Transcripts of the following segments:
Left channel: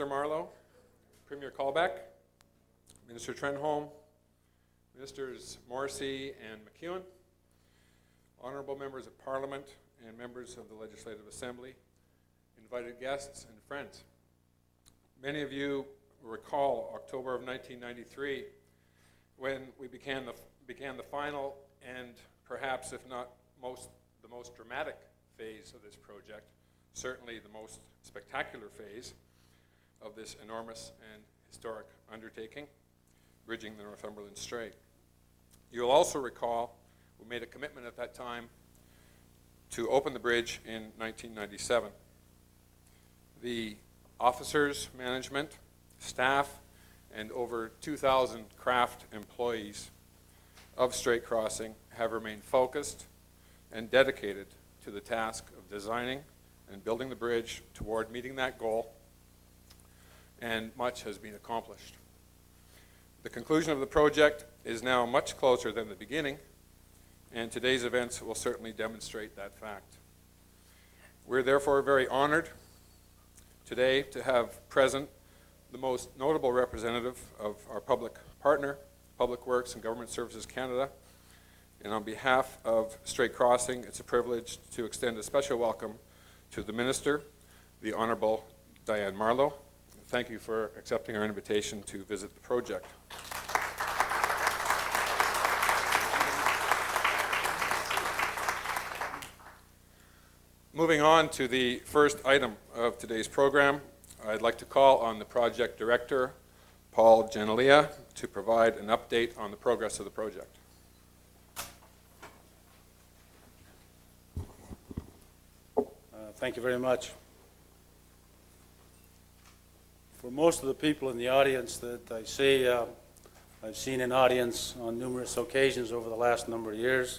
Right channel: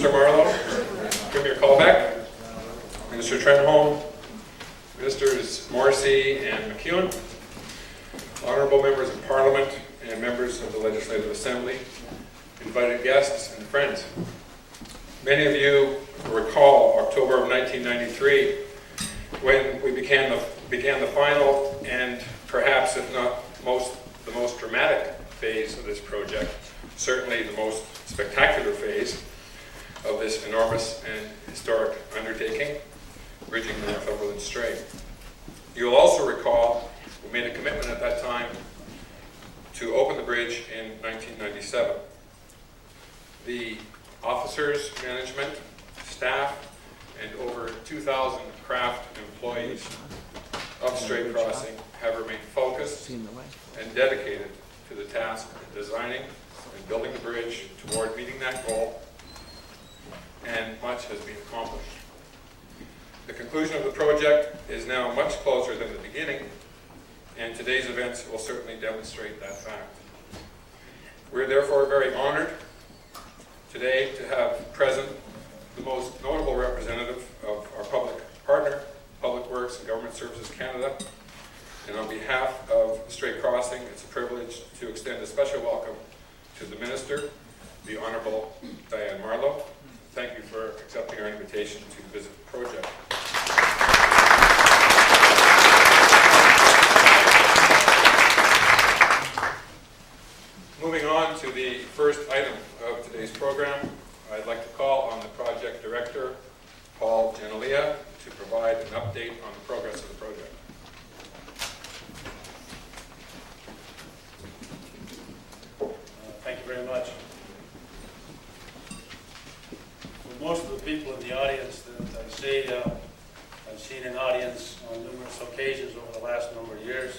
Minister Marlowe, Premier Colbeck, Minister Trenholm, Ministers Morrissey and McEwen, honorable members of Parliament and members of the Legislative Assembly, invited guests and friends. Many of you recall October of 1993 when we began the final and perhaps, if not the most dramatic phase of this project, certainly the most spectacular phase of this enormous and historic undertaking, bridging the Northumberland Strait. You'll also recall we made a commitment at that time to open the bridge in 1997. The officers, management, staff, and over 2,000 craft employees of Strait Crossing have remained focused and dedicated to the task of designing and building the bridge toward meeting that goal, and much has been accomplished. The conclusion of the project is now much closer than the beginning, and today's events will certainly demonstrate that fact. We're therefore very honored today to have present the most notable representative of our public partner, Public Works and Government Services Canada. And on behalf of Strait Crossing, it's a privilege to extend a special welcome to the Minister, the Honourable Diane Marlowe. Thank you for accepting our invitation to visit the project. Moving on to the first item of today's program, I'd like to call on the project director, Paul Genelia, to provide an update on the progress of the project. Thank you very much. For most of the people in the audience that I see, I've seen in audience on numerous occasions over the last number of years.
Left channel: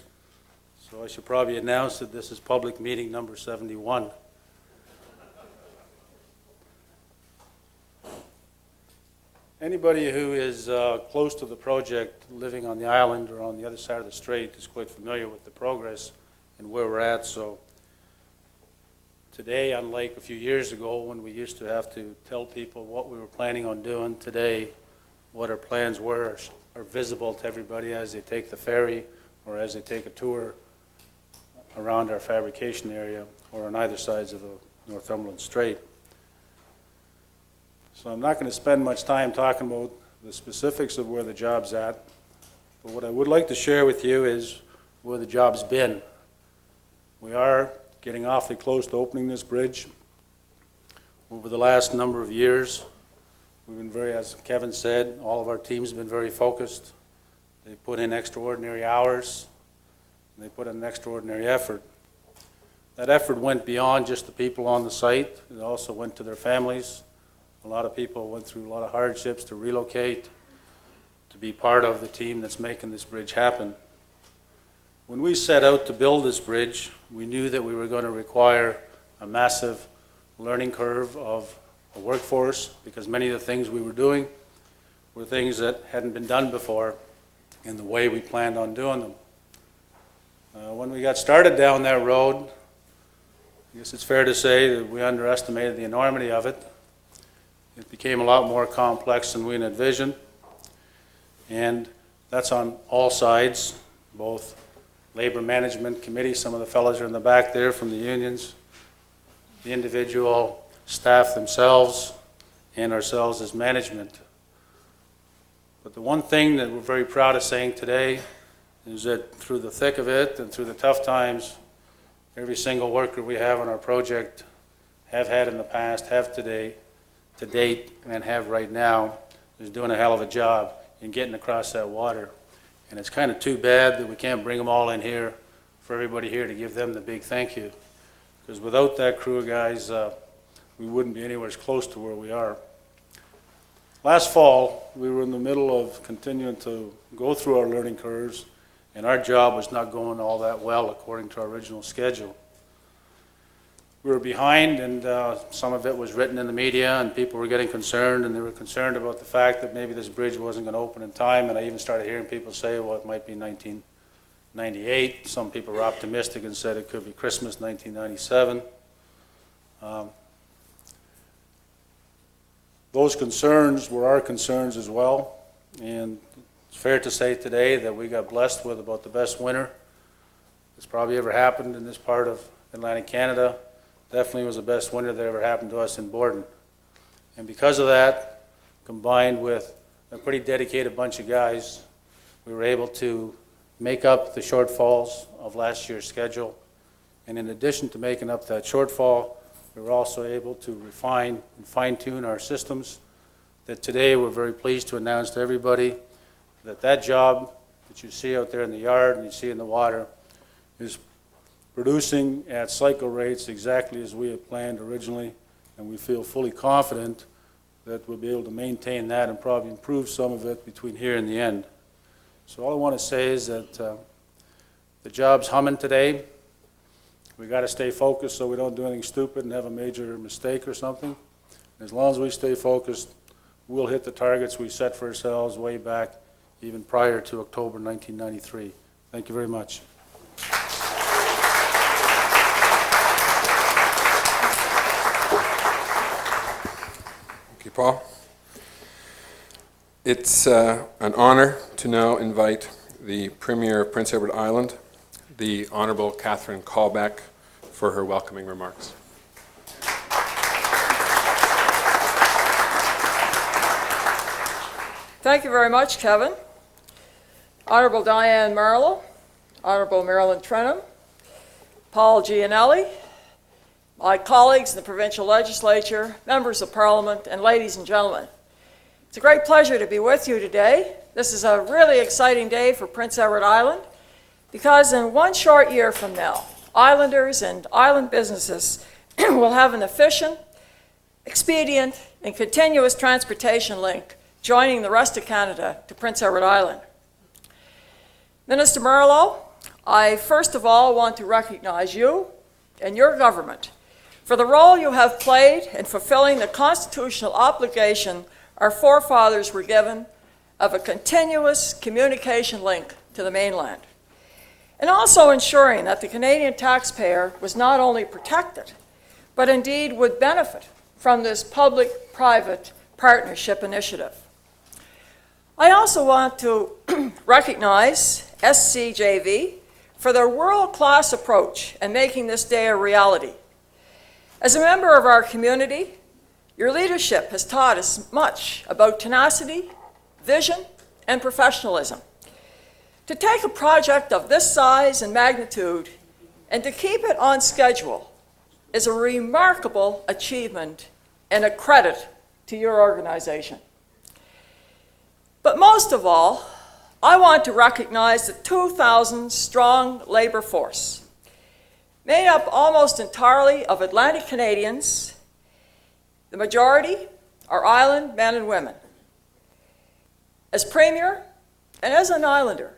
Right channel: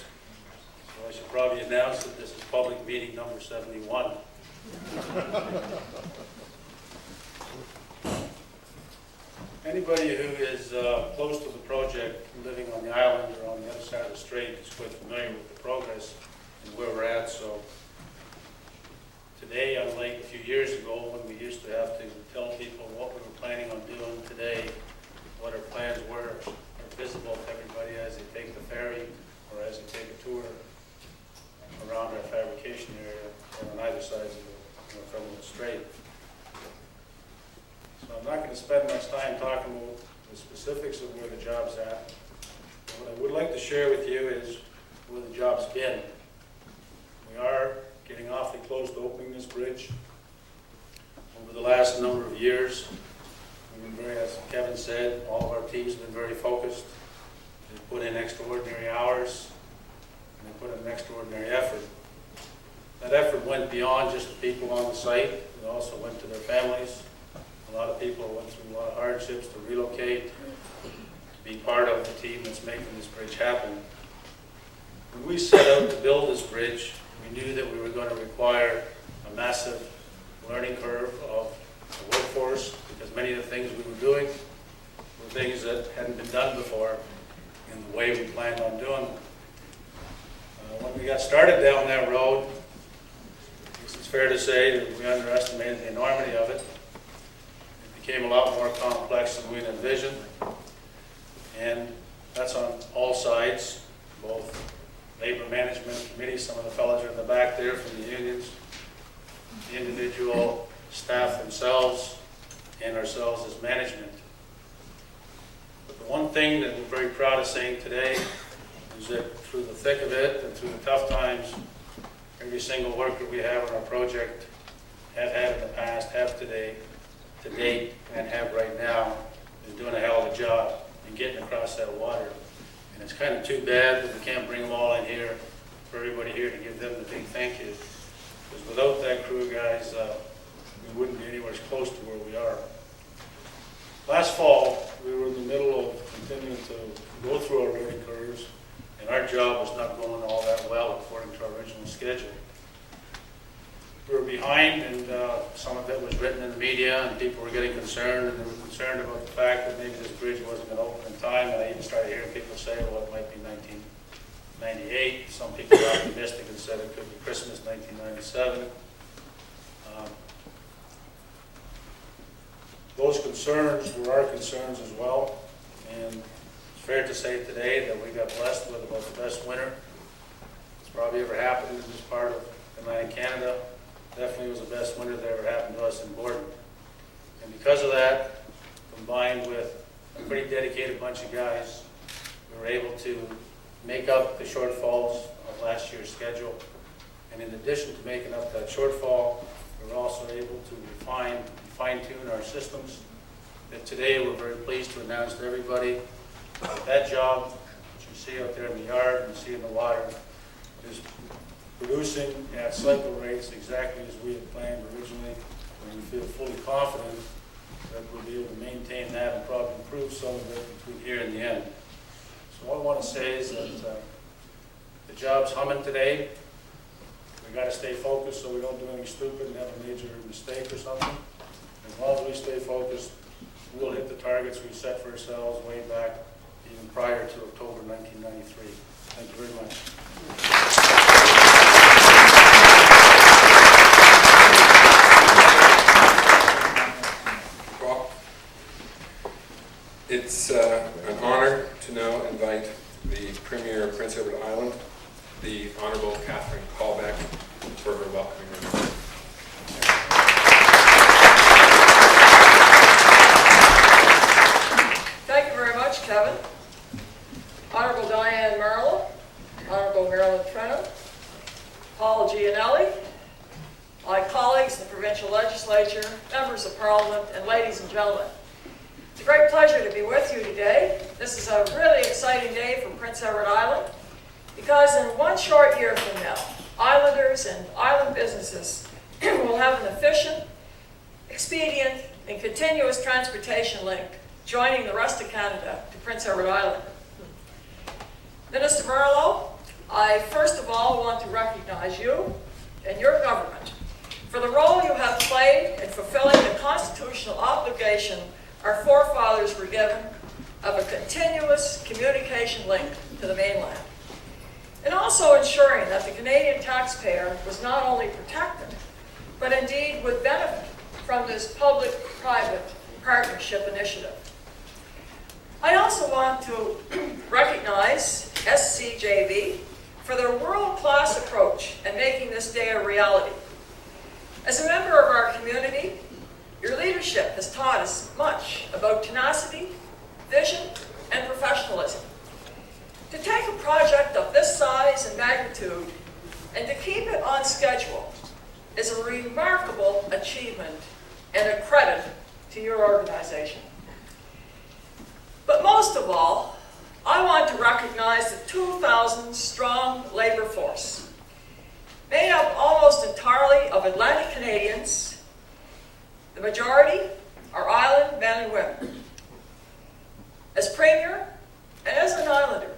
So I should probably announce that this is public meeting number 71. Anybody who is close to the project, living on the island or on the other side of the strait, is quite familiar with the progress and where we're at. So today, unlike a few years ago when we used to have to tell people what we were planning on doing, today what our plans were are visible to everybody as they take the ferry or as they take a tour around our fabrication area or on either sides of the Northumberland Strait. So I'm not going to spend much time talking about the specifics of where the job's at, but what I would like to share with you is where the job's been. We are getting awfully close to opening this bridge. Over the last number of years, we've been as Kevin said, all of our teams have been very focused. They put in extraordinary hours, and they put in an extraordinary effort. That effort went beyond just the people on the site. It also went to their families. A lot of people went through a lot of hardships to relocate, to be part of the team that's making this bridge happen. When we set out to build this bridge, we knew that we were going to require a massive learning curve of the workforce, because many of the things we were doing were things that hadn't been done before in the way we planned on doing them. When we got started down that road, I guess it's fair to say that we underestimated the enormity of it. It became a lot more complex than we had envisioned, and that's on all sides, both Labor Management Committee, some of the fellows are in the back there from the unions, the individual staff themselves, and ourselves as management. But the one thing that we're very proud of saying today is that through the thick of it and through the tough times, every single worker we have on our project have had in the past, have today, to date, and have right now, is doing a hell of a job in getting across that water. And it's kind of too bad that we can't bring them all in here for everybody here to give them the big thank you. Because without that crew of guys, we wouldn't be anywhere close to where we are. Last fall, we were in the middle of continuing to go through our learning curves, and our job was not going all that well according to our original schedule. We were behind, and some of it was written in the media, and people were getting concerned, and they were concerned about the fact that maybe this bridge wasn't going to open in time, and I even started hearing people say, well, it might be 1998. Some people were optimistic and said it could be Christmas 1997. those concerns were our concerns as well. And it's fair to say today that we got blessed with about the best winter that's probably ever happened in this part of Atlantic Canada. Definitely was the best winter that ever happened to us in Borden. And because of that, combined with a pretty dedicated bunch of guys, we were able to make up the shortfalls of last year's schedule. And in addition to making up that shortfall, we were also able to refine and fine-tune our systems that today we're very pleased to announce to everybody that that job that you see out there in the yard and you see in the water is producing at cycle rates exactly as we had planned originally, and we feel fully confident that we'll be able to maintain that and probably improve some of it between here and the end. So all I want to say is that the job's humming today. We got to stay focused so we don't do anything stupid and have a major mistake or something. As long as we stay focused, we'll hit the targets we set for ourselves way back even prior to October 1993. Thank you very much. Thank you, Paul. It's an honor to now invite the Premier of Prince Edward Island, the Honourable Catherine Callback, for her welcoming remarks. Thank you very much, Kevin. Honourable Diane Marlowe, Honourable Marilyn Trenholm, Paul Gianelli, my colleagues in the provincial legislature, members of parliament, and ladies and gentlemen. It's a great pleasure to be with you today. This is a really exciting day for Prince Edward Island because in one short year from now, islanders and island businesses will have an efficient, expedient, and continuous transportation link joining the rest of Canada to Prince Edward Island. Minister Marlowe, I first of all want to recognize you and your government for the role you have played in fulfilling the constitutional obligation our forefathers were given of a continuous communication link to the mainland, and also ensuring that the Canadian taxpayer was not only protected, but indeed would benefit from this public-private partnership initiative. I also want to recognize SCJV for their world-class approach in making this day a reality. As a member of our community, your leadership has taught us much about tenacity, vision, and professionalism. To take a project of this size and magnitude and to keep it on schedule is a remarkable achievement and a credit to your organization. But most of all, I want to recognize the 2,000-strong labor force, made up almost entirely of Atlantic Canadians. The majority are island men and women. As Premier and as an islander,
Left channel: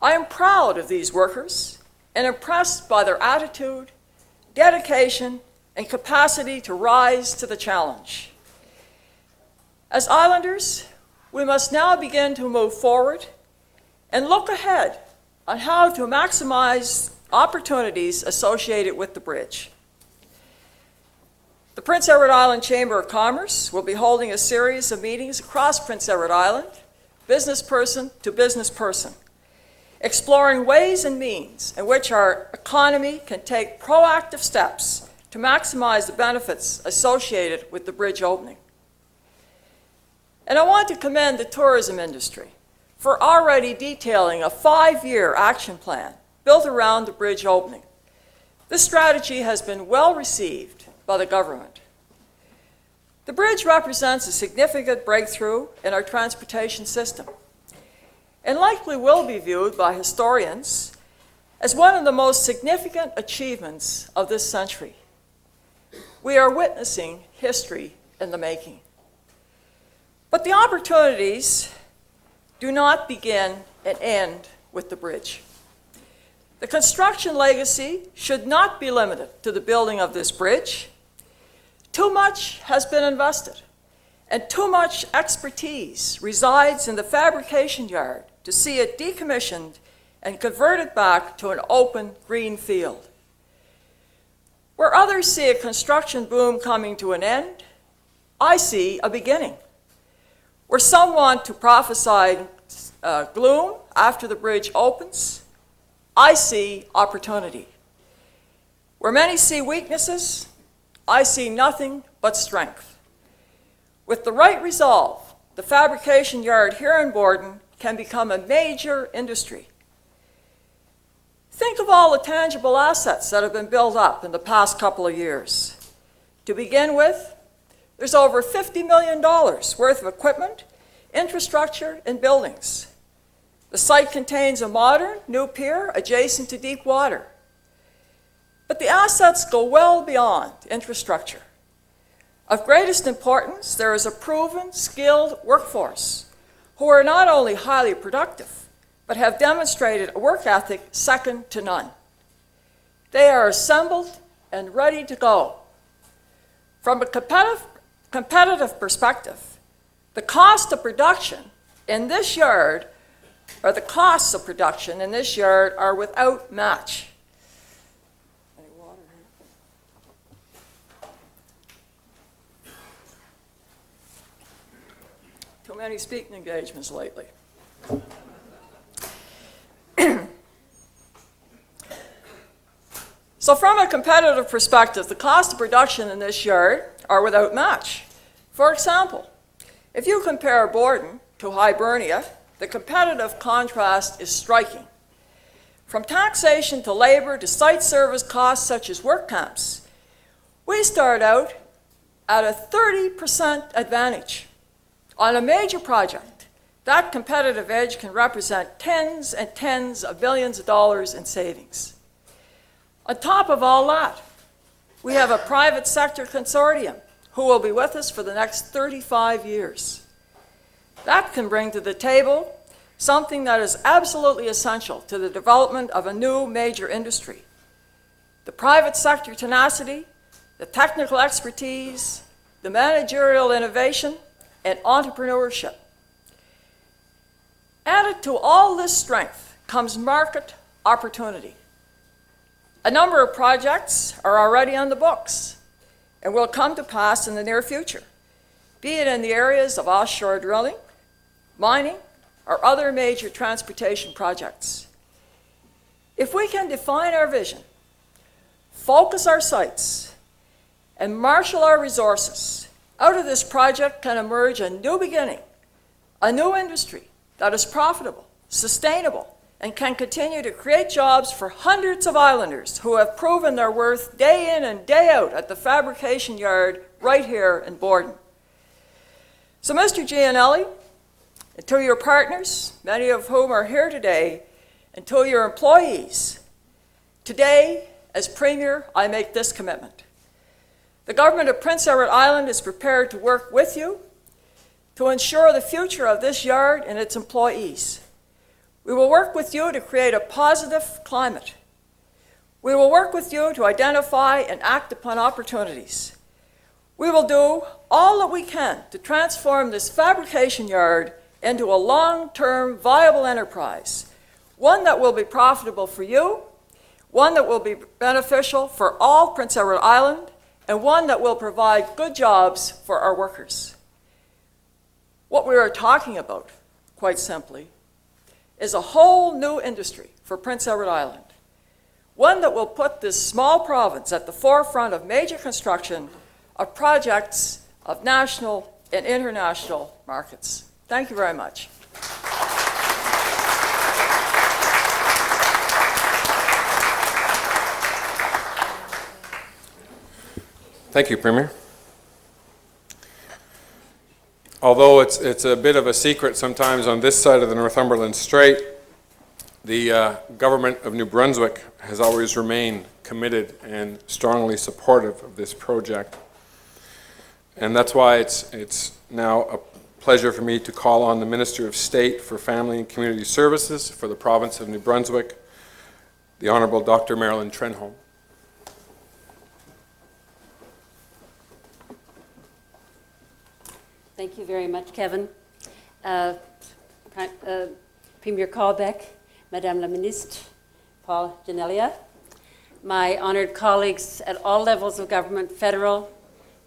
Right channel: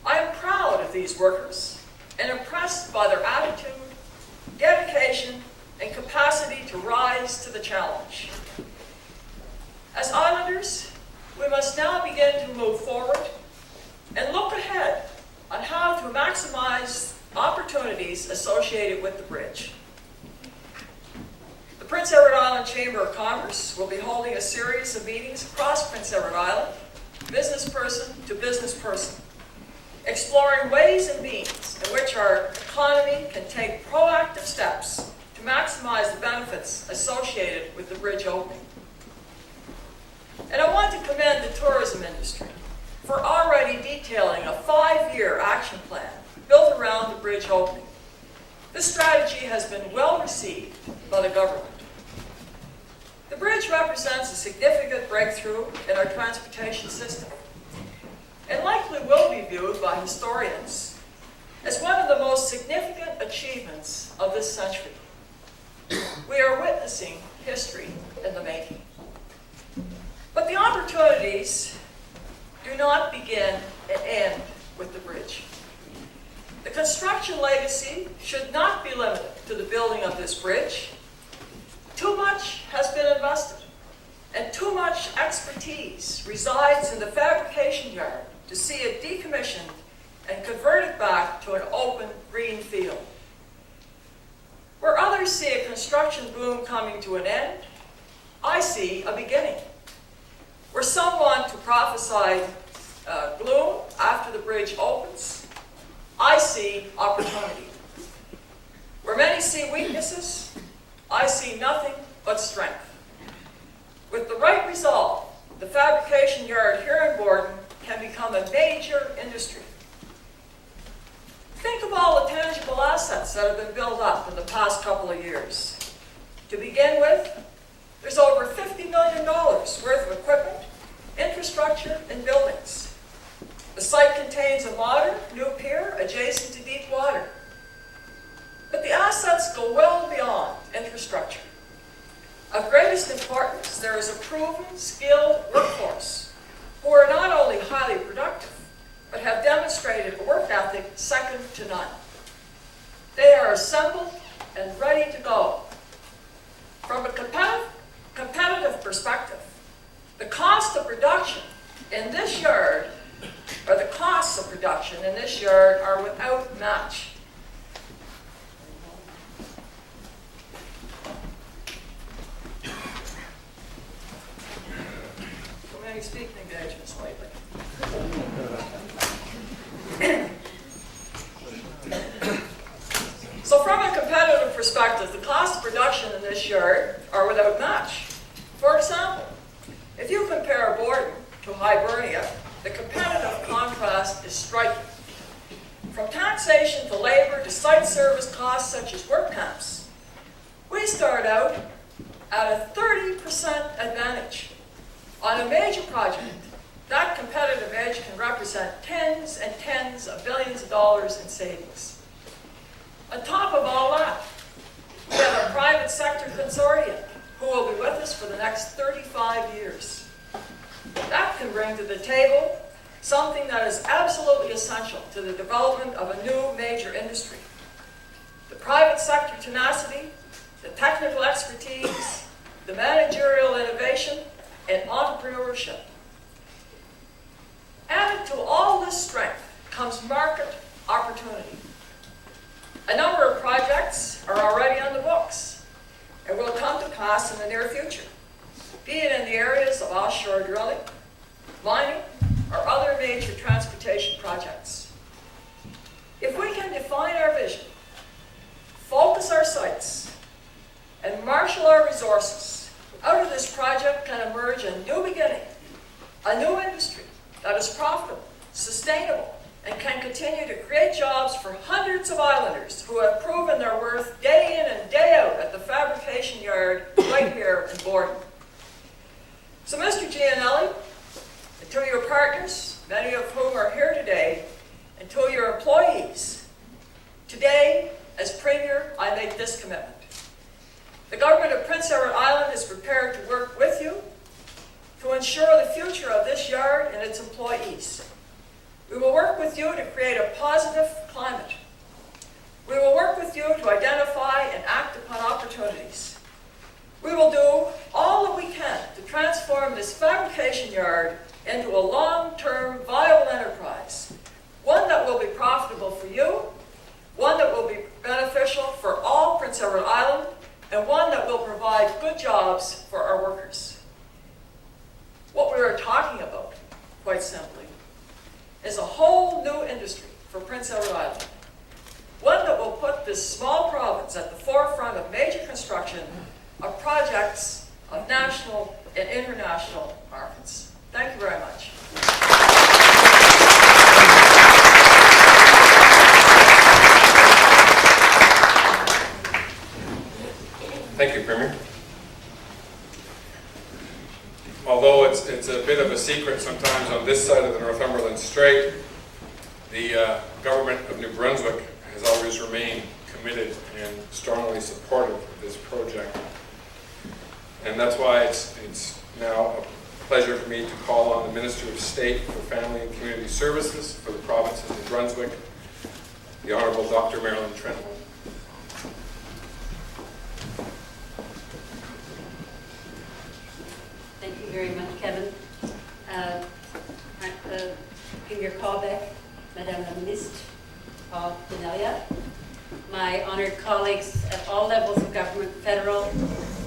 I am proud of these workers and impressed by their attitude, dedication, and capacity to rise to the challenge. As islanders, we must now begin to move forward and look ahead on how to maximize opportunities associated with the bridge. The Prince Edward Island Chamber of Commerce will be holding a series of meetings across Prince Edward Island, business person to business person, exploring ways and means in which our economy can take proactive steps to maximize the benefits associated with the bridge opening. And I want to commend the tourism industry for already detailing a 5-year action plan built around the bridge opening. This strategy has been well received by the government. The bridge represents a significant breakthrough in our transportation system and likely will be viewed by historians as one of the most significant achievements of this century. We are witnessing history in the making. But the opportunities do not begin and end with the bridge. The construction legacy should not be limited to the building of this bridge. Too much has been invested, and too much expertise resides in the fabrication yard to see it decommissioned and converted back to an open green field. Where others see a construction boom coming to an end, I see a beginning. Where some want to prophesy gloom after the bridge opens, I see opportunity. Where many see weaknesses, I see nothing but strength. With the right resolve, the fabrication yard here in Borden can become a major industry. Think of all the tangible assets that have been built up in the past couple of years. To begin with, there's over $50 million worth of equipment, infrastructure, and buildings. The site contains a modern, new pier adjacent to deep water. But the assets go well beyond infrastructure. Of greatest importance, there is a proven, skilled workforce who are not only highly productive, but have demonstrated a work ethic second to none. They are assembled and ready to go. From a competitive perspective, the cost of production in this yard, or the costs of production in this yard, are without match. Too many speaking engagements lately. So from a competitive perspective, the cost of production in this yard are without match. For example, if you compare Borden to Hibernia, the competitive contrast is striking. From taxation to labor to site service costs such as work camps, we start out at a 30% advantage. On a major project, that competitive edge can represent tens and tens of billions of dollars in savings. On top of all that, we have a private sector consortium who will be with us for the next 35 years. That can bring to the table something that is absolutely essential to the development of a new major industry. The private sector tenacity, the technical expertise, the managerial innovation, and entrepreneurship. Added to all this strength comes market opportunity. A number of projects are already on the books and will come to pass in the near future, be it in the areas of offshore drilling, mining, or other major transportation projects. If we can define our vision, focus our sights, and marshal our resources, out of this project can emerge a new beginning, a new industry that is profitable, sustainable, and can continue to create jobs for hundreds of islanders who have proven their worth day in and day out at the fabrication yard right here in Borden. So Mr. Gianelli, and to your partners, many of whom are here today, and to your employees, today, as Premier, I make this commitment. The government of Prince Edward Island is prepared to work with you to ensure the future of this yard and its employees. We will work with you to create a positive climate. We will work with you to identify and act upon opportunities. We will do all that we can to transform this fabrication yard into a long-term viable enterprise, one that will be profitable for you, one that will be beneficial for all Prince Edward Island, and one that will provide good jobs for our workers. What we are talking about, quite simply, is a whole new industry for Prince Edward Island, one that will put this small province at the forefront of major construction of projects of national and international markets. Thank you very much. Thank you, Premier. Although it's a bit of a secret sometimes on this side of the Northumberland Strait, the government of New Brunswick has always remained committed and strongly supportive of this project. And that's why it's now a pleasure for me to call on the Minister of State for Family and Community Services for the province of New Brunswick, the Honourable Dr. Marilyn Trenholm. Thank you very much, Kevin. Premier Callbeck, Madame la Ministre, Paul Denelia, my honored colleagues at all levels of government, federal,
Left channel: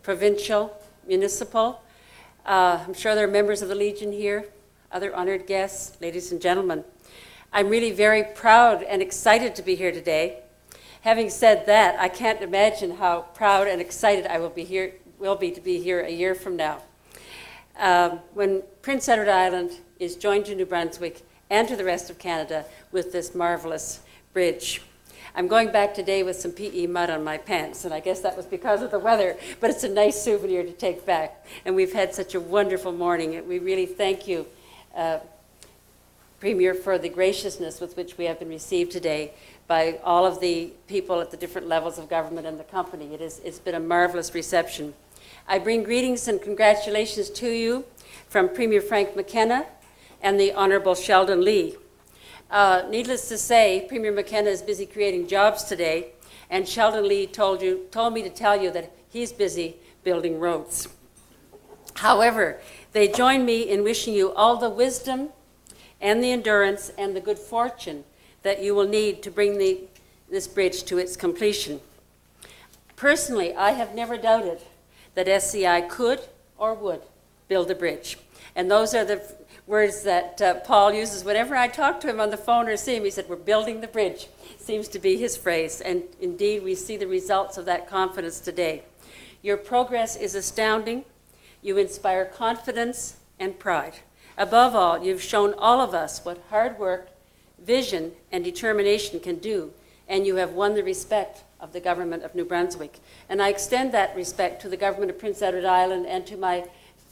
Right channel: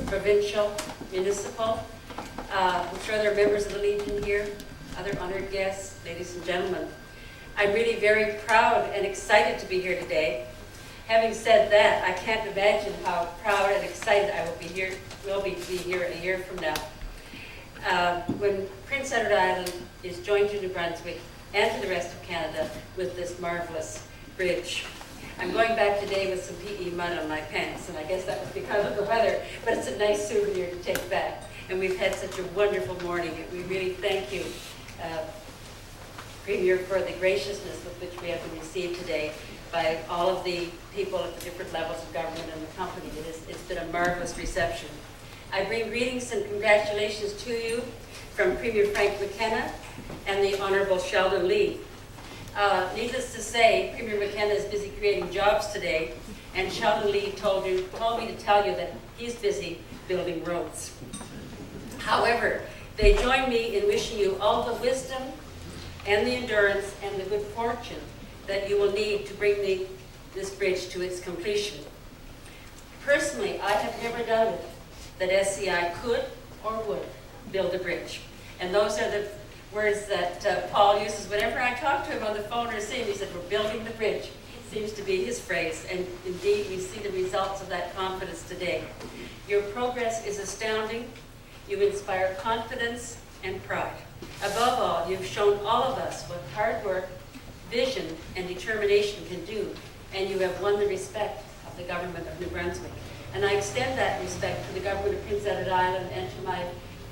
provincial, Municipal. I'm sure there are members of the Legion here, other honored guests, ladies and gentlemen. I'm really very proud and excited to be here today. Having said that, I can't imagine how proud and excited I will be here a year from now. When Prince Edward Island is joined to New Brunswick and to the rest of Canada with this marvelous bridge. I'm going back today with some PE mud on my pants, and I guess that was because of the weather, but it's a nice souvenir to take back. And we've had such a wonderful morning. We really thank you, Premier, for the graciousness with which we have been received today by all of the people at the different levels of government and the company. It's been a marvelous reception. I bring greetings and congratulations to you from Premier Frank McKenna and the Honourable Sheldon Lee. Needless to say, Premier McKenna is busy creating jobs today, and Sheldon Lee told me to tell you that he's busy building roads. However, they join me in wishing you all the wisdom and the endurance and the good fortune that you will need to bring this bridge to its completion. Personally, I have never doubted that SCI could or would build a bridge. And those are the words that Paul uses whenever I talk to him on the phone or see him. He said, "We're building the bridge." Seems to be his phrase. And indeed, we see the results of that confidence today. Your progress is astounding. You inspire confidence and pride. Above all, you've shown all of us what hard work, vision, and determination can do, and you have won the respect of the government of New Brunswick. And I extend that respect to the government of Prince Edward Island and to my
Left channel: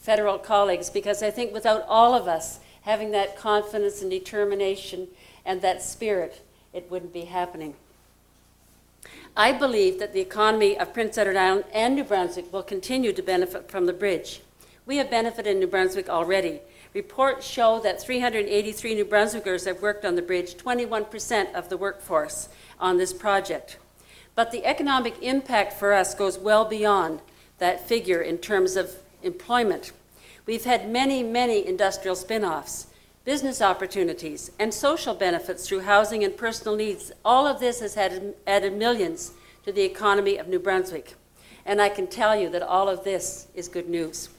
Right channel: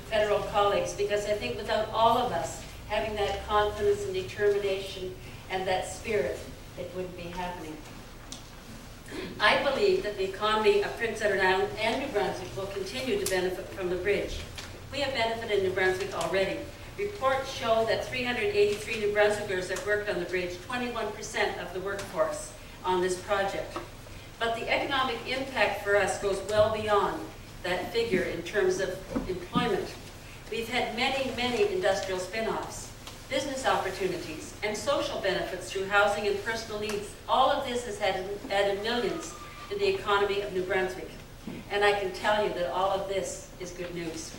federal colleagues, because I think without all of us having that confidence and determination and that spirit, it wouldn't be happening. I believe that the economy of Prince Edward Island and New Brunswick will continue to benefit from the bridge. We have benefited in New Brunswick already. Reports show that 383 New Brunswickers have worked on the bridge, 21% of the workforce on this project. But the economic impact for us goes well beyond that figure in terms of employment. We've had many, many industrial spin-offs, business opportunities, and social benefits through housing and personal needs. All of this has added millions to the economy of New Brunswick. And I can tell you that all of this is good news.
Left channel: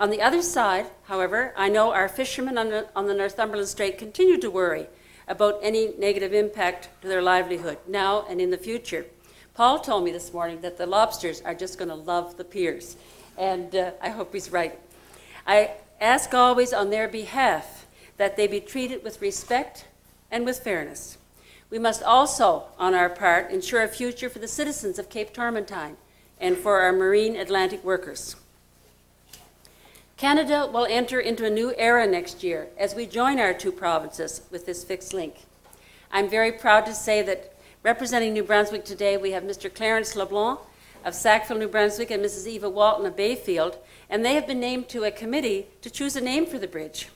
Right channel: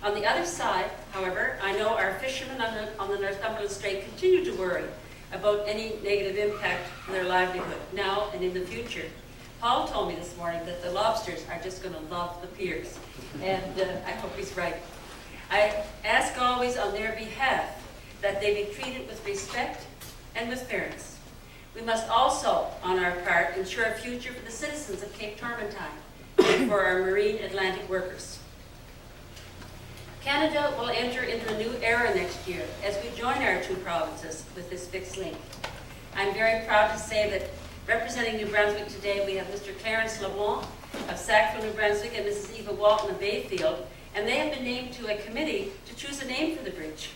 On the other side, however, I know our fishermen on the Northumberland Strait continue to worry about any negative impact to their livelihood now and in the future. Paul told me this morning that the lobsters are just going to love the piers, and I hope he's right. I ask always on their behalf that they be treated with respect and with fairness. We must also, on our part, ensure a future for the citizens of Cape Tormentine and for our marine Atlantic workers. Canada will enter into a new era next year as we join our two provinces with this fixed link. I'm very proud to say that representing New Brunswick today, we have Mr. Clarence LeBlanc of Sackville, New Brunswick, and Mrs. Eva Walton of Bayfield, and they have been named to a committee to choose a name for the bridge.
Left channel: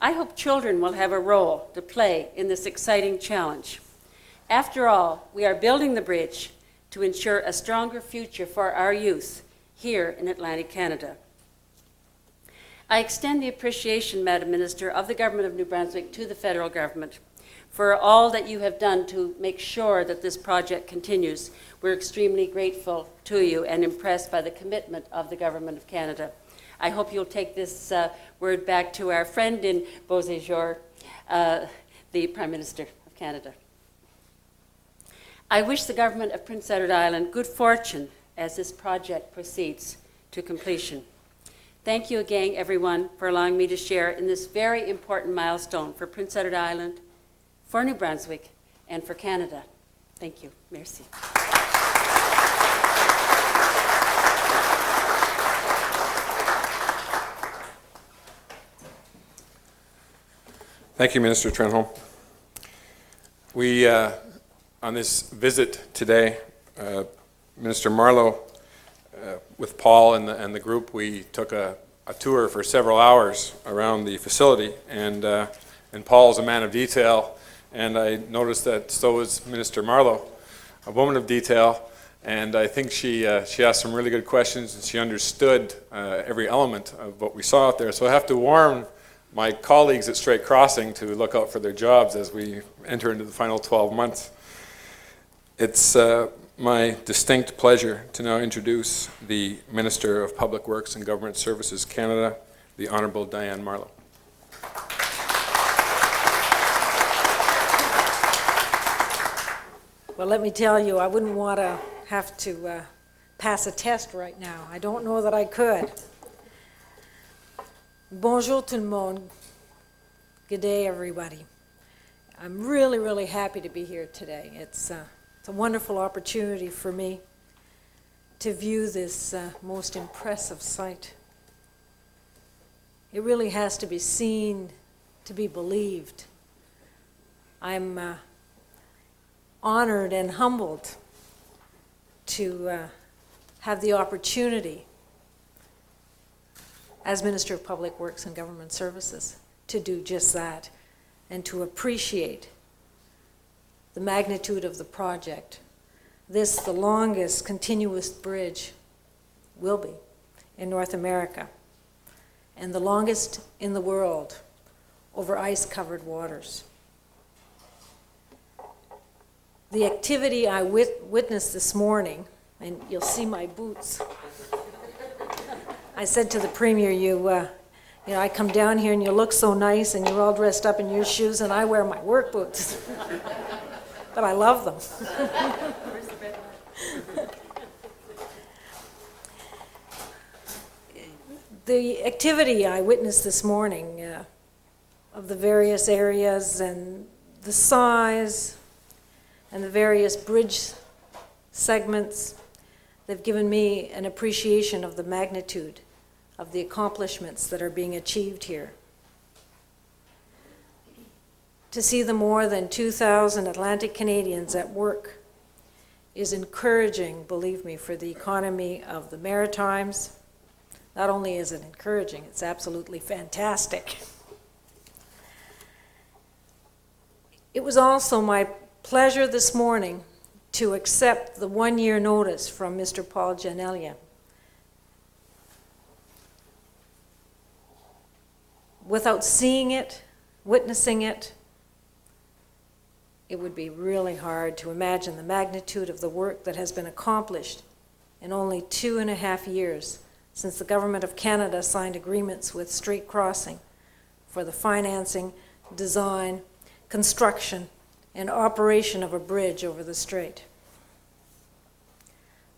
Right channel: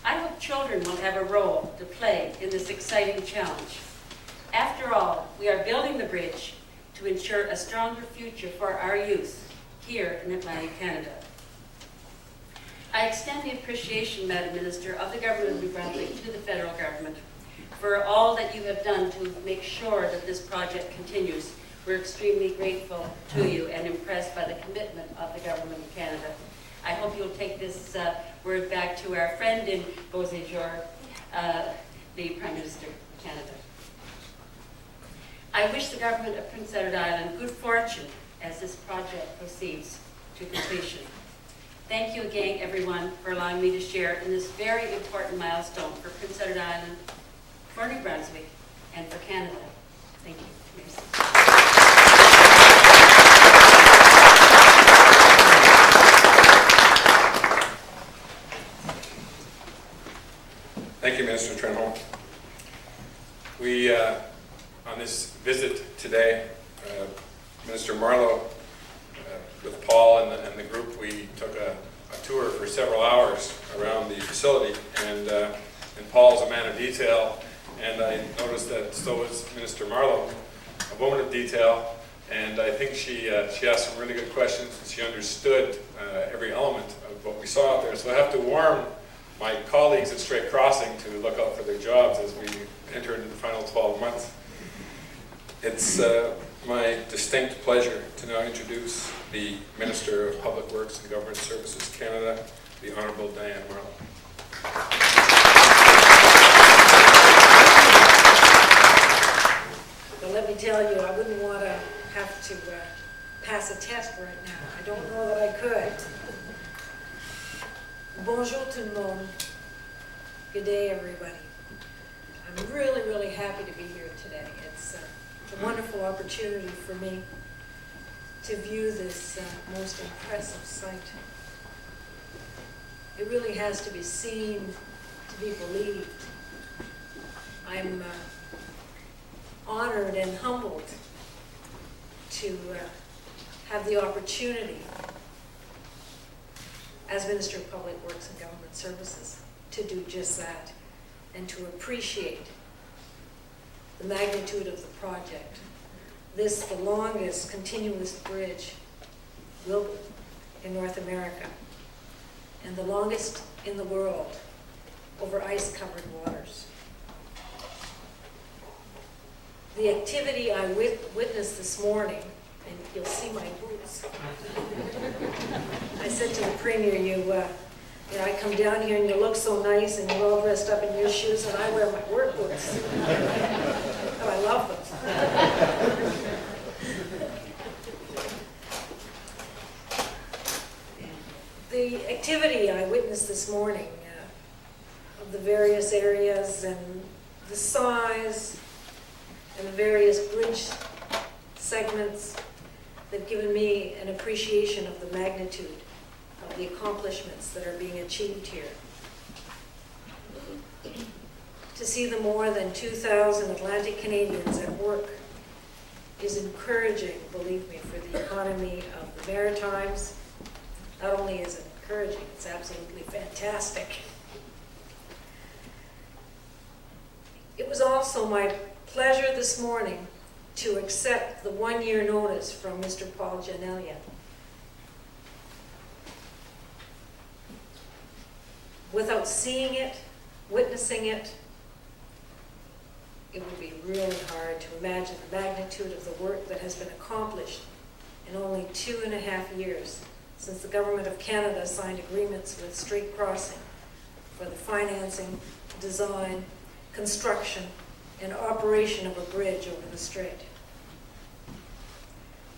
I hope children will have a role to play in this exciting challenge. After all, we are building the bridge to ensure a stronger future for our youth here in Atlantic Canada. I extend the appreciation, Madam Minister, of the Government of New Brunswick to the federal government for all that you have done to make sure that this project continues. We're extremely grateful to you and impressed by the commitment of the Government of Canada. I hope you'll take this word back to our friend in Beauséjour, the Prime Minister of Canada. I wish the Government of Prince Edward Island good fortune as this project proceeds to completion. Thank you again, everyone, for allowing me to share in this very important milestone for Prince Edward Island, for New Brunswick, and for Canada. Thank you. Merci. Thank you, Minister Trenholm. We, on this visit today, Minister Marleau, with Paul and the group, we took a tour for several hours around the facility, and Paul's a man of detail, and I noticed that so was Minister Marleau, a woman of detail, and I think she asked some really good questions, and she understood every element of what we saw out there. So I have to warn my colleagues at Strait Crossing to look out for their jobs as we enter into the final 12 months. It's my distinct pleasure to now introduce the Minister of Public Works and Government Services Canada, the Honourable Diane Marleau. Well, let me tell you, I wouldn't want to have to pass a test right now. I don't know that I could. Bonjour tout le monde. Good day, everybody. I'm really, really happy to be here today. It's a wonderful opportunity for me to view this most impressive site. It really has to be seen to be believed. I'm honored and humbled to have the opportunity as Minister of Public Works and Government Services to do just that and to appreciate the magnitude of the project. This, the longest continuous bridge, will be in North America, and the longest in the world over ice-covered waters. The activity I witnessed this morning, and you'll see my boots. I said to the Premier, you know, I come down here and you look so nice and you're all dressed up in your shoes and I wear my work boots. But I love them. The activity I witnessed this morning of the various areas and the size and the various bridge segments, they've given me an appreciation of the magnitude of the accomplishments that are being achieved here. To see the more than 2,000 Atlantic Canadians at work is encouraging, believe me, for the economy of the Maritimes. Not only is it encouraging, it's absolutely fantastic. It was also my pleasure this morning to accept the one-year notice from Mr. Paul Gianellia. Without seeing it, witnessing it, it would be really hard to imagine the magnitude of the work that has been accomplished in only 2.5 years since the Government of Canada signed agreements with Strait Crossing for the financing, design, construction, and operation of a bridge over the strait.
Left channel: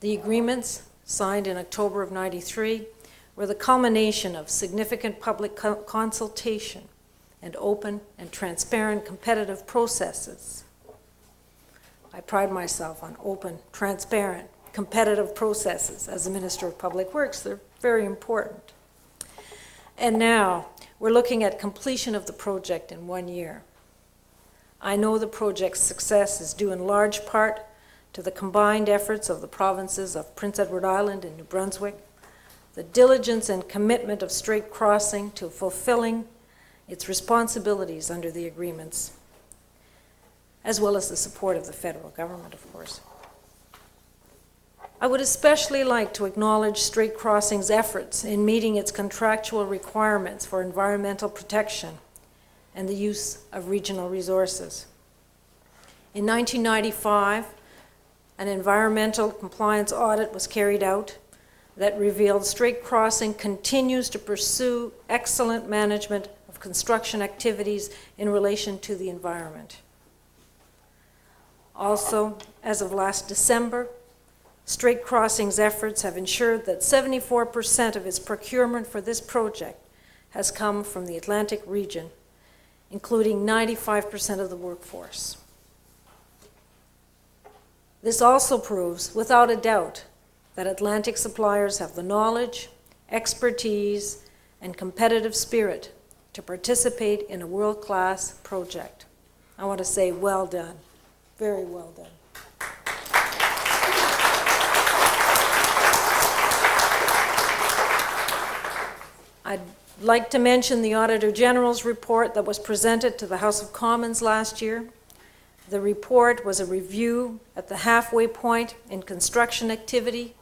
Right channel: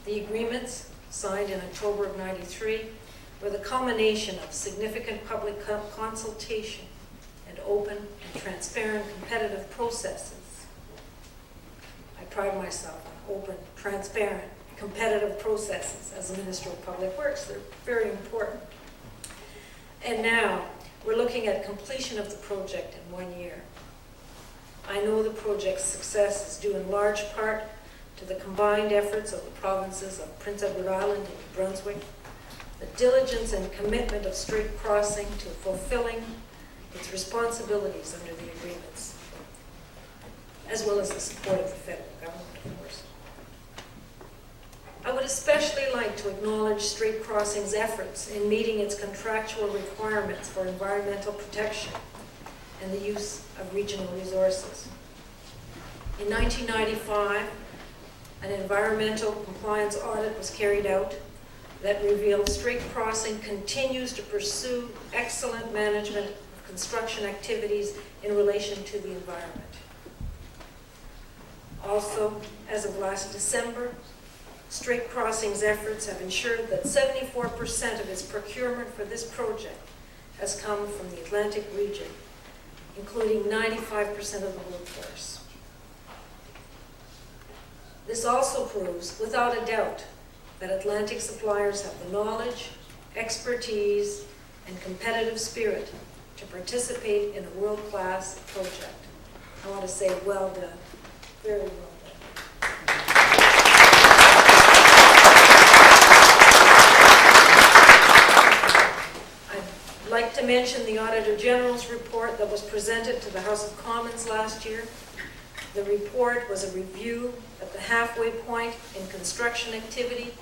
The agreements, signed in October of '93, were the culmination of significant public consultation and open and transparent competitive processes. I pride myself on open, transparent, competitive processes as the Minister of Public Works. They're very important. And now we're looking at completion of the project in 1 year. I know the project's success is due in large part to the combined efforts of the provinces of Prince Edward Island and New Brunswick, the diligence and commitment of Strait Crossing to fulfilling its responsibilities under the agreements, as well as the support of the federal government, of course. I would especially like to acknowledge Strait Crossing's efforts in meeting its contractual requirements for environmental protection and the use of regional resources. In 1995, an environmental compliance audit was carried out that revealed Strait Crossing continues to pursue excellent management of construction activities in relation to the environment. Also, as of last December, Strait Crossing's efforts have ensured that 74% of its procurement for this project has come from the Atlantic region, including 95% of the workforce. This also proves, without a doubt, that Atlantic suppliers have the knowledge, expertise, and competitive spirit to participate in a world-class project. I want to say well done, very well done. I'd like to mention the Auditor General's report that was presented to the House of Commons last year. The report was a review at the halfway point in construction activity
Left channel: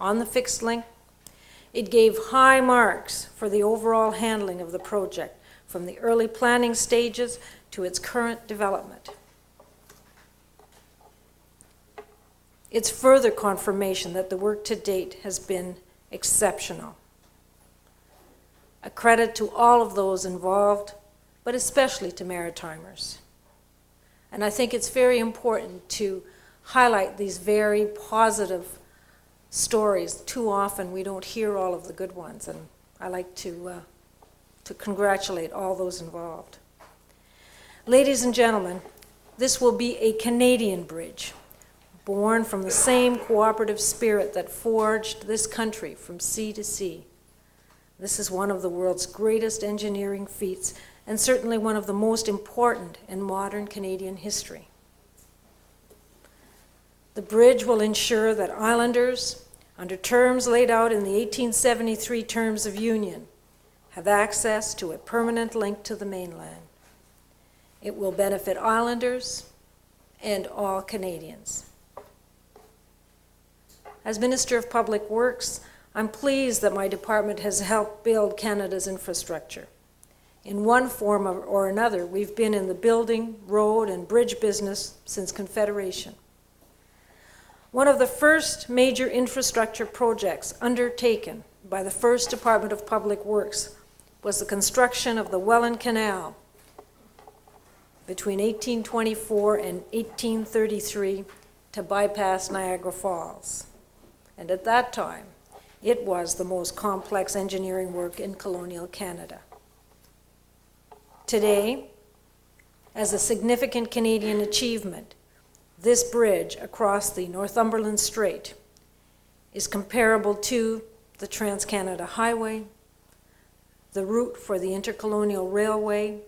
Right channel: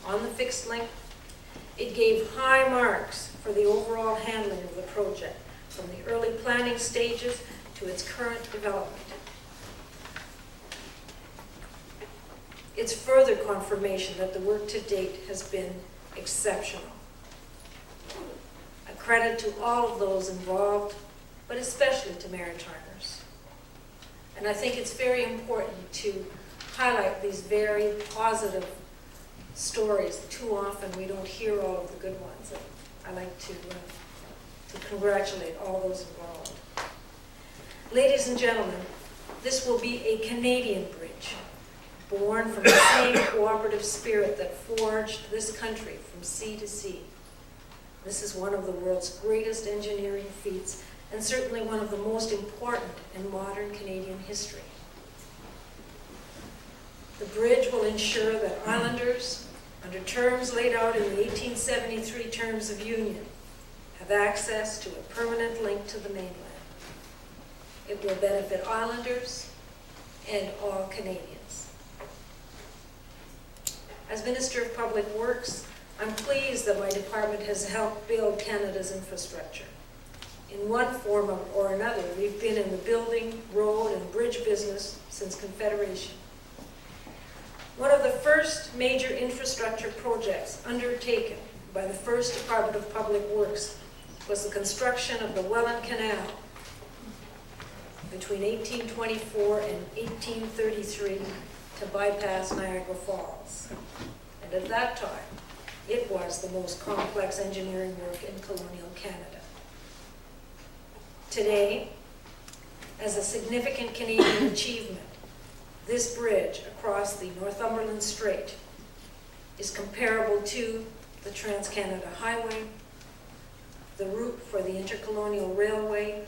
on the fixed link. It gave high marks for the overall handling of the project, from the early planning stages to its current development. It's further confirmation that the work to date has been exceptional. A credit to all of those involved, but especially to Maritimers. And I think it's very important to highlight these very positive stories. Too often we don't hear all of the good ones, and I like to congratulate all those involved. Ladies and gentlemen, this will be a Canadian bridge, born from the same cooperative spirit that forged this country from sea to sea. This is one of the world's greatest engineering feats, and certainly one of the most important in modern Canadian history. The bridge will ensure that islanders, under terms laid out in the 1873 Terms of Union, have access to a permanent link to the mainland. It will benefit islanders and all Canadians. As Minister of Public Works, I'm pleased that my department has helped build Canada's infrastructure. In one form or another, we've been in the building, road, and bridge business since Confederation. One of the first major infrastructure projects undertaken by the first Department of Public Works was the construction of the Welland Canal between 1824 and 1833 to bypass Niagara Falls. And at that time, it was the most complex engineering work in colonial Canada. Today, as a significant Canadian achievement, this bridge across the Northumberland Strait is comparable to the Trans-Canada Highway, the route for the Intercolonial Railway,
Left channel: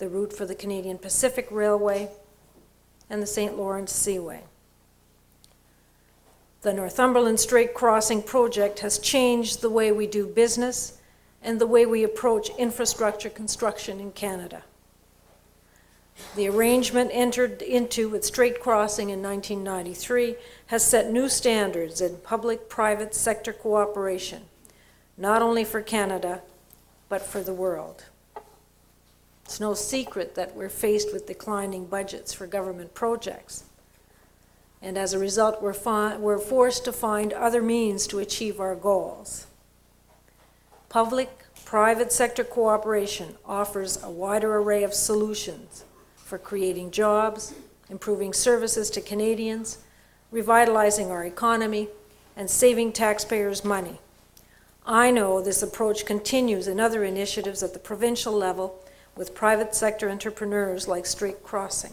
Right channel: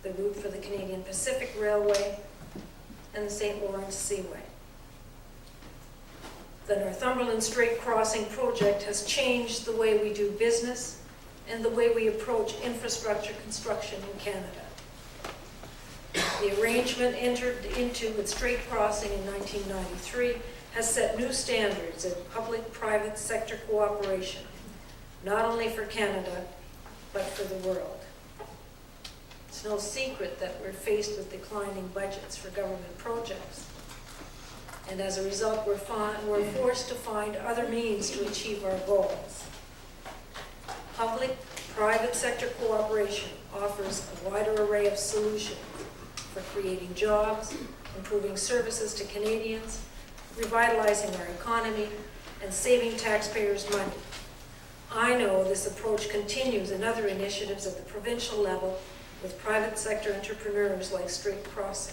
the route for the Canadian Pacific Railway, and the St. Lawrence Seaway. The Northumberland Strait Crossing project has changed the way we do business and the way we approach infrastructure construction in Canada. The arrangement entered into with Strait Crossing in 1993 has set new standards in public-private sector cooperation, not only for Canada, but for the world. It's no secret that we're faced with declining budgets for government projects. And as a result, we're forced to find other means to achieve our goals. Public-private sector cooperation offers a wider array of solutions for creating jobs, improving services to Canadians, revitalizing our economy, and saving taxpayers' money. I know this approach continues in other initiatives at the provincial level with private sector entrepreneurs like Strait Crossing.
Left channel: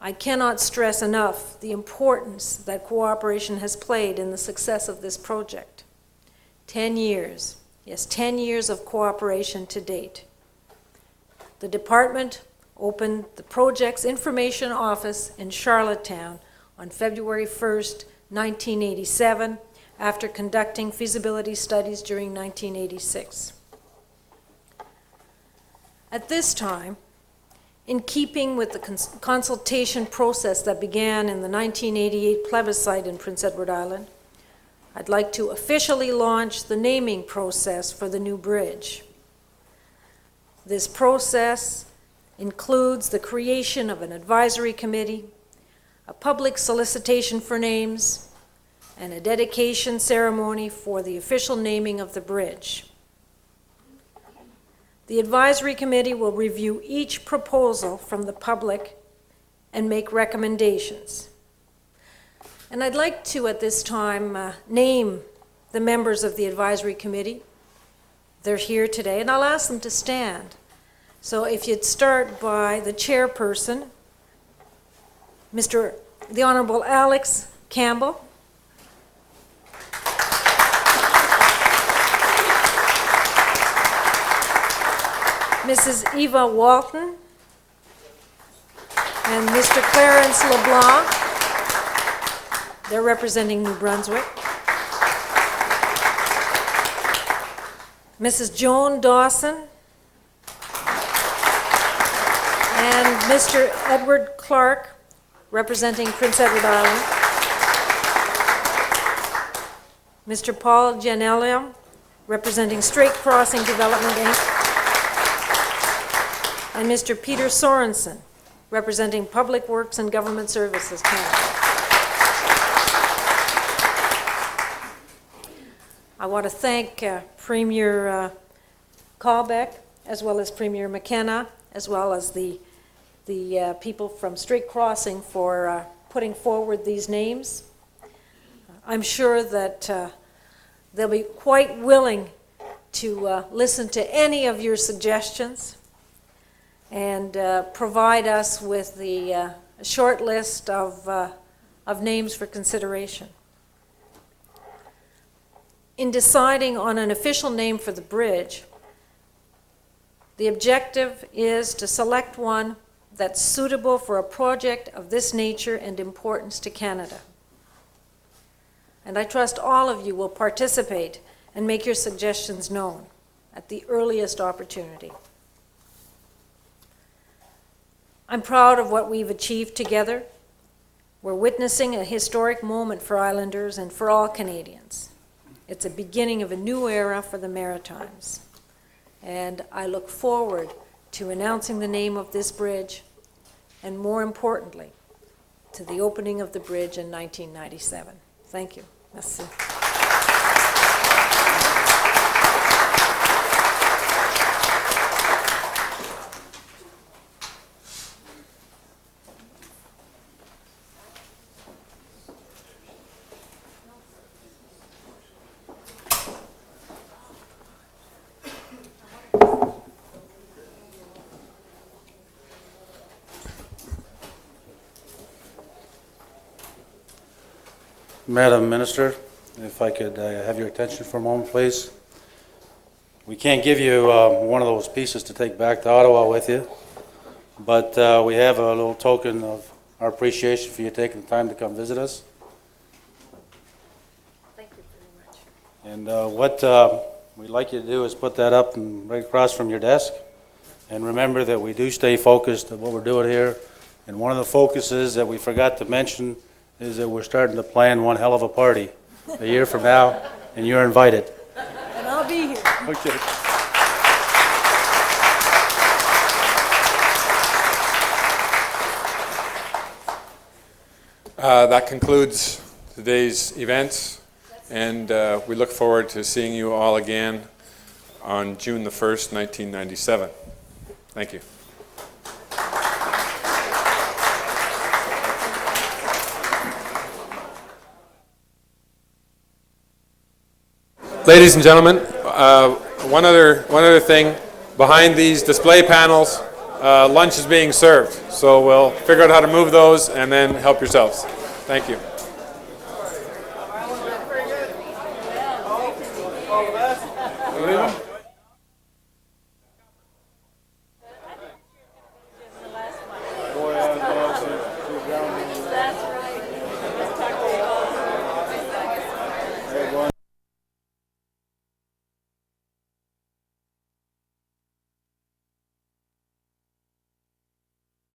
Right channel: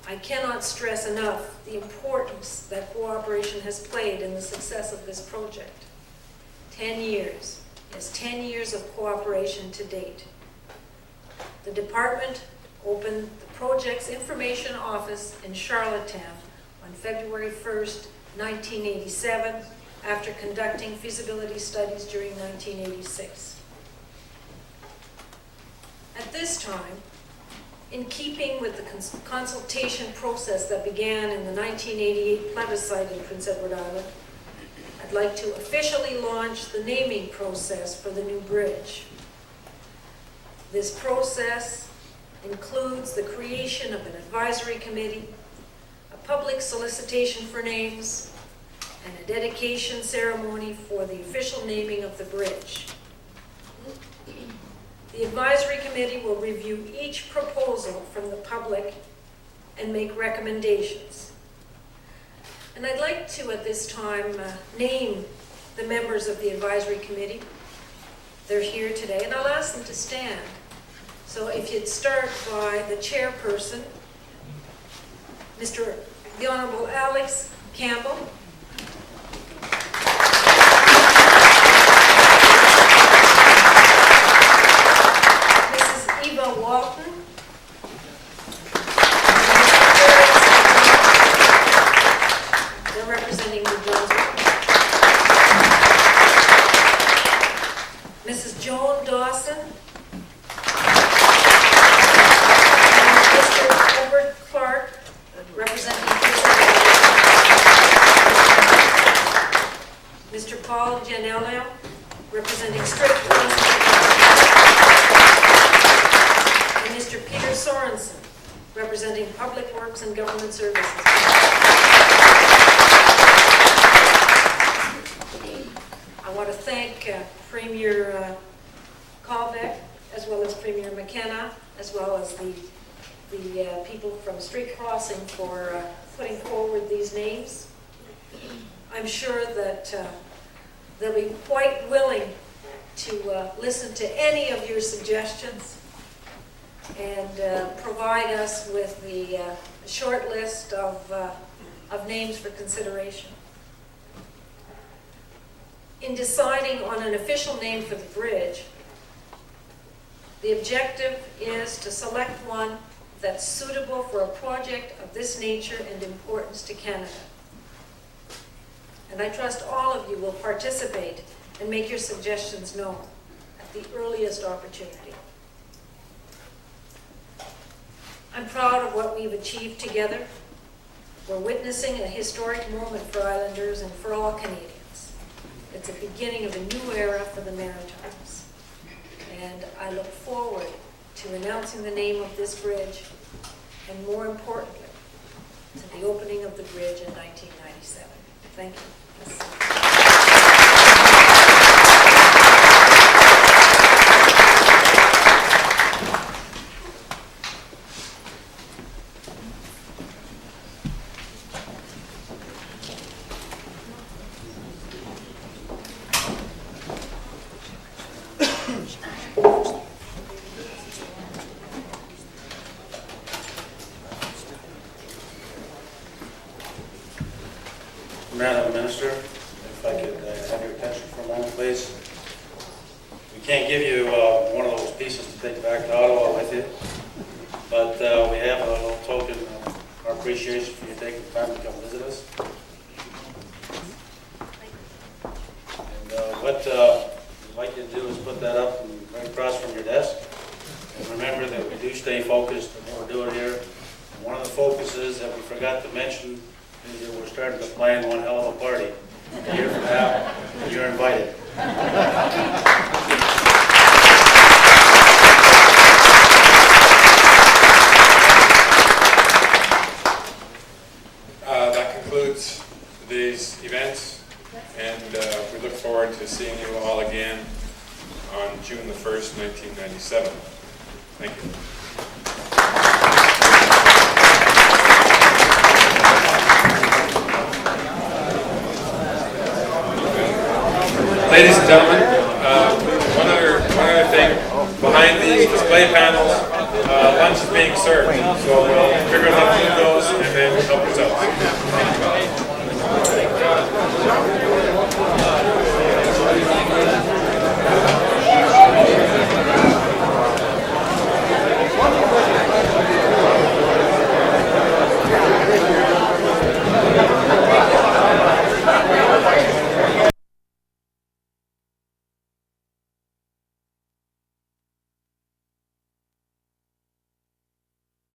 I cannot stress enough the importance that cooperation has played in the success of this project. 10 years, yes, 10 years of cooperation to date. The department opened the project's information office in Charlottetown on February 1st, 1987, after conducting feasibility studies during 1986. At this time, in keeping with the consultation process that began in the 1988 plebiscite in Prince Edward Island, I'd like to officially launch the naming process for the new bridge. This process includes the creation of an advisory committee, a public solicitation for names, and a dedication ceremony for the official naming of the bridge. The advisory committee will review each proposal from the public and make recommendations. And I'd like to, at this time, name the members of the advisory committee. They're here today, and I'll ask them to stand. So if you'd start by the chairperson, the Honorable Alex Campbell. Mrs. Eva Walton, and Mr. Clarence LeBlanc. They're representing New Brunswick. Mrs. Joan Dawson, and Mr. Edward Clark, representing Prince Edward Island. Mr. Paul Gianello, representing Strait Crossing Development, and Mr. Peter Sorensen, representing Public Works and Government Services. I want to thank Premier Callbeck, as well as Premier McKenna, as well as the people from Street Crossing for putting forward these names. I'm sure that they'll be quite willing to listen to any of your suggestions and provide us with the short list of names for consideration. In deciding on an official name for the bridge, the objective is to select one that's suitable for a project of this nature and importance to Canada. And I trust all of you will participate and make your suggestions known at the earliest opportunity. I'm proud of what we've achieved together. We're witnessing a historic moment for Islanders and for all Canadians. It's a beginning of a new era for the Maritimes. And I look forward to announcing the name of this bridge, and more importantly, to the opening of the bridge in 1997. Thank you. Merci. Madam Minister, if I could have your attention for a moment, please. We can't give you one of those pieces to take back to Ottawa with you, but we have a little token of our appreciation for you taking the time to come visit us. And what we'd like you to do is put that up and right across from your desk. And remember that we do stay focused on what we're doing here. And one of the focuses that we forgot to mention is that we're starting to plan one hell of a party a year from now, and you're invited. That concludes today's events, and we look forward to seeing you all again on June the 1st, 1997. Thank you. Ladies and gentlemen, one other thing. Behind these display panels, lunch is being served. So we'll figure out how to move those and then help yourselves. Thank you.